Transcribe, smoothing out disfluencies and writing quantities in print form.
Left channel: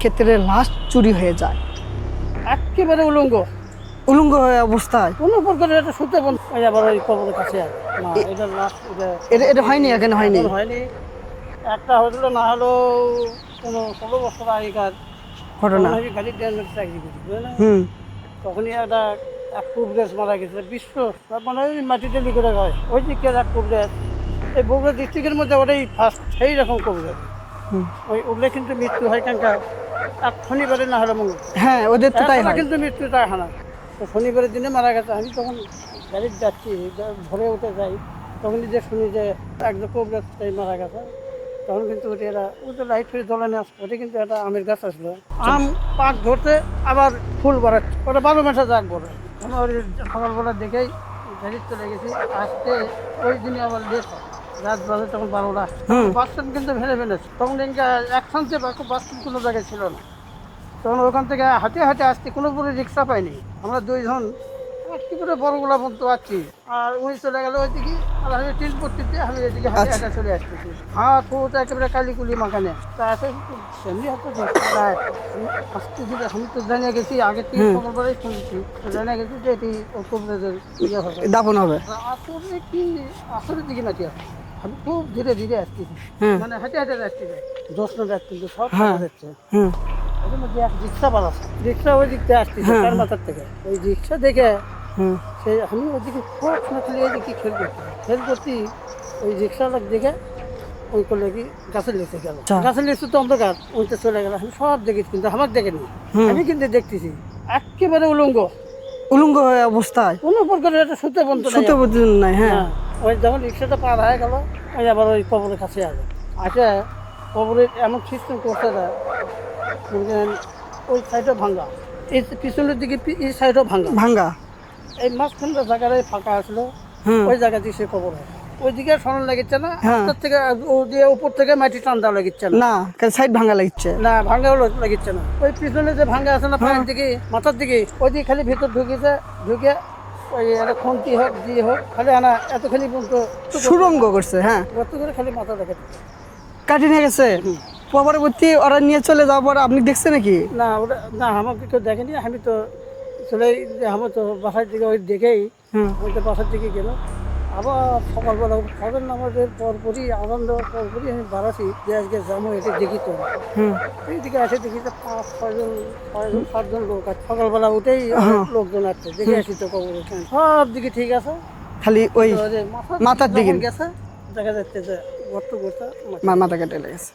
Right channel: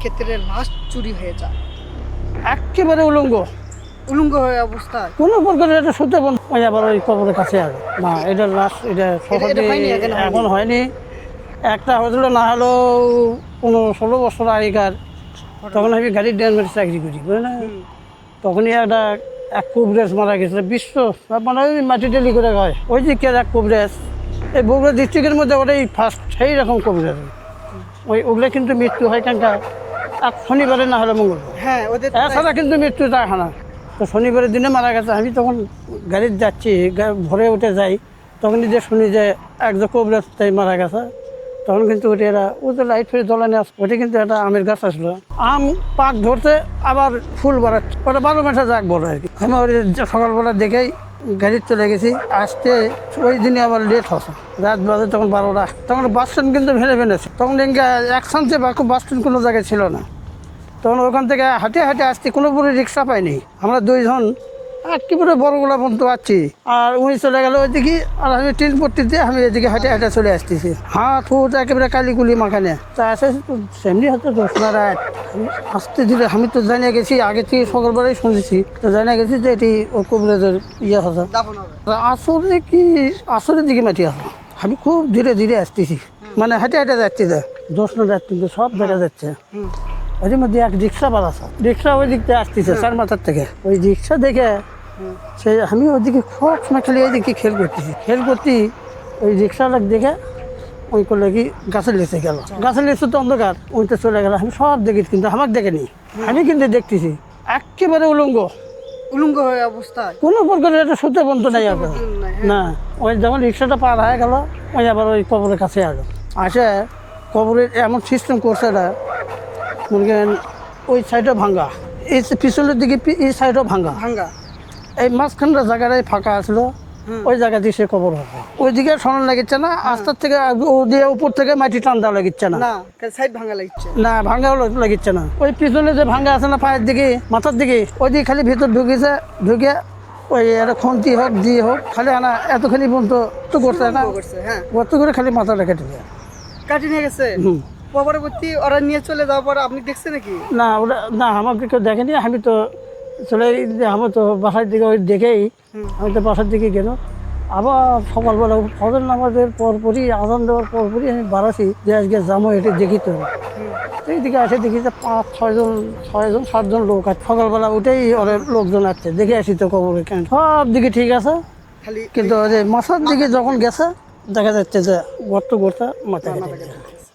ক্ষেত্রে লাশ চুরি হয়ে যায়, একেবারে উলঙ্গ হয়ে অবস্থায়। কোনো প্রকার এটা সত্যি বন্ধ হয়ে আবার ওই কবরের কাছে আর না, এটা লাশ এটা হয়নি, এখন হয়নি। একটা হয়েছিল না হলো 15-16 বছর আগেকার তখন আমি গাড়ির ড্রাইভারের চাকরি করি বুঝলেন। তখনই এক কুবরেজ মারা গেছে বিশ্ব মানে ওই মাটি ডেলি করে হয় ওই দিকে এক কুবরেজ, এই বগুড়া ডিস্ট্রিক্টের মধ্যে ওটাই ফার্স্ট সেই রকম কবরেজ। ওগুলো কিন্তু মৃত্যু হয় কেন এক শনিবারে না হলে মঙ্গল, হ্যাঁ ওদের তো তাই হয়। কিন্তু মৃত্যু যায় না। তো শনিবারের দিনে মারা গেছে। আমি তখন গাড়িতে যাচ্ছি, ভোরে উঠে যাই, তখনই যে শুনি যে একজন কবরেজ মারা গেছে। তখন কিন্তু ওটা এরা ওদের লাইট ফেলে জ্বলে নিয়ে ওটা কিন্তু একটা আমের গাছ আসলো, আম পাক ধরতে আবার ফুল বাড়াচ্ছে, ওটা 12 মাসে যাক বড় আর কি। আমি ওর সকালবেলা দেখেই গাড়ি চলে গেছি, আসতে ওই দিনে আবার লেট হচ্ছে, রাত বাজে তখন 12টা। তখন বাস স্ট্যান্ড কিন্তু ভেঙে ফেলেছে, তখন এক সামনে বাস স্ট্যান্ড কোনো জায়গায় ছিল না। তখন ওখান থেকে হাঁটে হাঁটে আসতে কোনো পুরো রিক্সা পাইনি, আমরা দুইজন একেবারে বড়গুলা পর্যন্ত আছি। আর উনি চলে গেল ওইদিকে, আর আমি ট্রেন পট্টিতে আমি এদিকে হাঁটে হাঁটে চলে আসতেছি, হাত হুট একেবারে কালিগুলি মাখানে। তা আসে সেমনি হয়তো আসতে দিলে আমি তো জানিয়ে গেছি আগে থেকে, সকালবেলায় শুনেছি, তো জানিয়ে গেছি যে এটি ও কবরেজের ইয়ে হবে, দাফন হবে। আসলে কি আসলে দিকে মাটি আছে, আমি খুব ধীরে ধীরে আসতেছি, মানে হাঁটে হাঁটে যাচ্ছি, দোষণ যাচ্ছে সব হাঁটে যাচ্ছে। ওই মধ্যে এক রিক্সা বানাচ্ছে, রিক্সা ওই দিক থেকে আসতেছে চার মাথার থেকে। ওই রিক্সা দেখে সে আমি ওইদিকে সব সময় খালি ওইদিকে খেল করতে ওই রিক্সাটা দেখে ওই করলে কি গাছের লিচে গেল, গাছের লিচু তো অন্ধকার, ওইতে চলে গেল। আমি সব দেখি কিন্তু আমার দেখেনি, আমি কিন্তু দেখতেছি একেবারে উলঙ্গ হয়ে অবস্থায়, কোনো প্রকার এটা সত্যি বন্ধ নাই। হ্যাঁ, ওই যখন রিক্সাটা পার হয়ে গেল ওই আবার ওই কবরের কাছে আসে কবরের এমন সিস্টেম করছে এটা ওই সাইডও ভাঙ্গা, এই পিছনের দিকে এই সাইডও ভাঙ্গা, এই মাঝখানটা জায়গাটাই ফাঁকা আসলো, ওই জায়গা দিয়ে সে কবর হবে। ওইদিকে সরান লাগিচ্ছে না, রাস্তার থেকে দিয়ে উপর থেকে মাটি টান দেওয়া লাগিচ্ছে না, সাইড ভাঙ্গা লাগিচ্ছে না, ভাঙ্গাও লাগিচ্ছে না। ওই পিছনে যে ভাঙ্গা আছে না পায়ের দিকে মাথার দিকে, ওই দিকে খালি ভিতর ঢুকে ওই একটা খুন্তি হোক দিয়ে হোক খালি আনা এতখানি পর্যন্ত সুরঙ্গ করছে। হ্যাঁ, গর্ত করে খালি মাথাটা কেটে দেয়, কাটি নিয়ে গেছে। পরবর্তী ওরা নিয়ে চলে যাওয়ার পর আপনি দেখছেন নাকি? না ওরা না, আমাকে কেউ দেখেনি। আমি তো চলে আমার তো বাসার দিকে ওই দেখেই আমি তো বাসার দিকে গেল। আবার সকালবেলা ফজর নামাজের পরপরই আজান দেওয়ার পরপরই আমি বাড়াচ্ছি যে আজকে যাবো এটা দেখি তো। এইদিকে আসে দেখি যে 5-6জন লোক আছে, সকালবেলা উঠেই লোকজন আসছে, দেখে আসি তো কবরে কেন সব দিকে ঠিক আছে, খালি মাথার দিকে যখন গেছে দেখা যাচ্ছে যে গর্ত মাথা কেটে লেগেছে।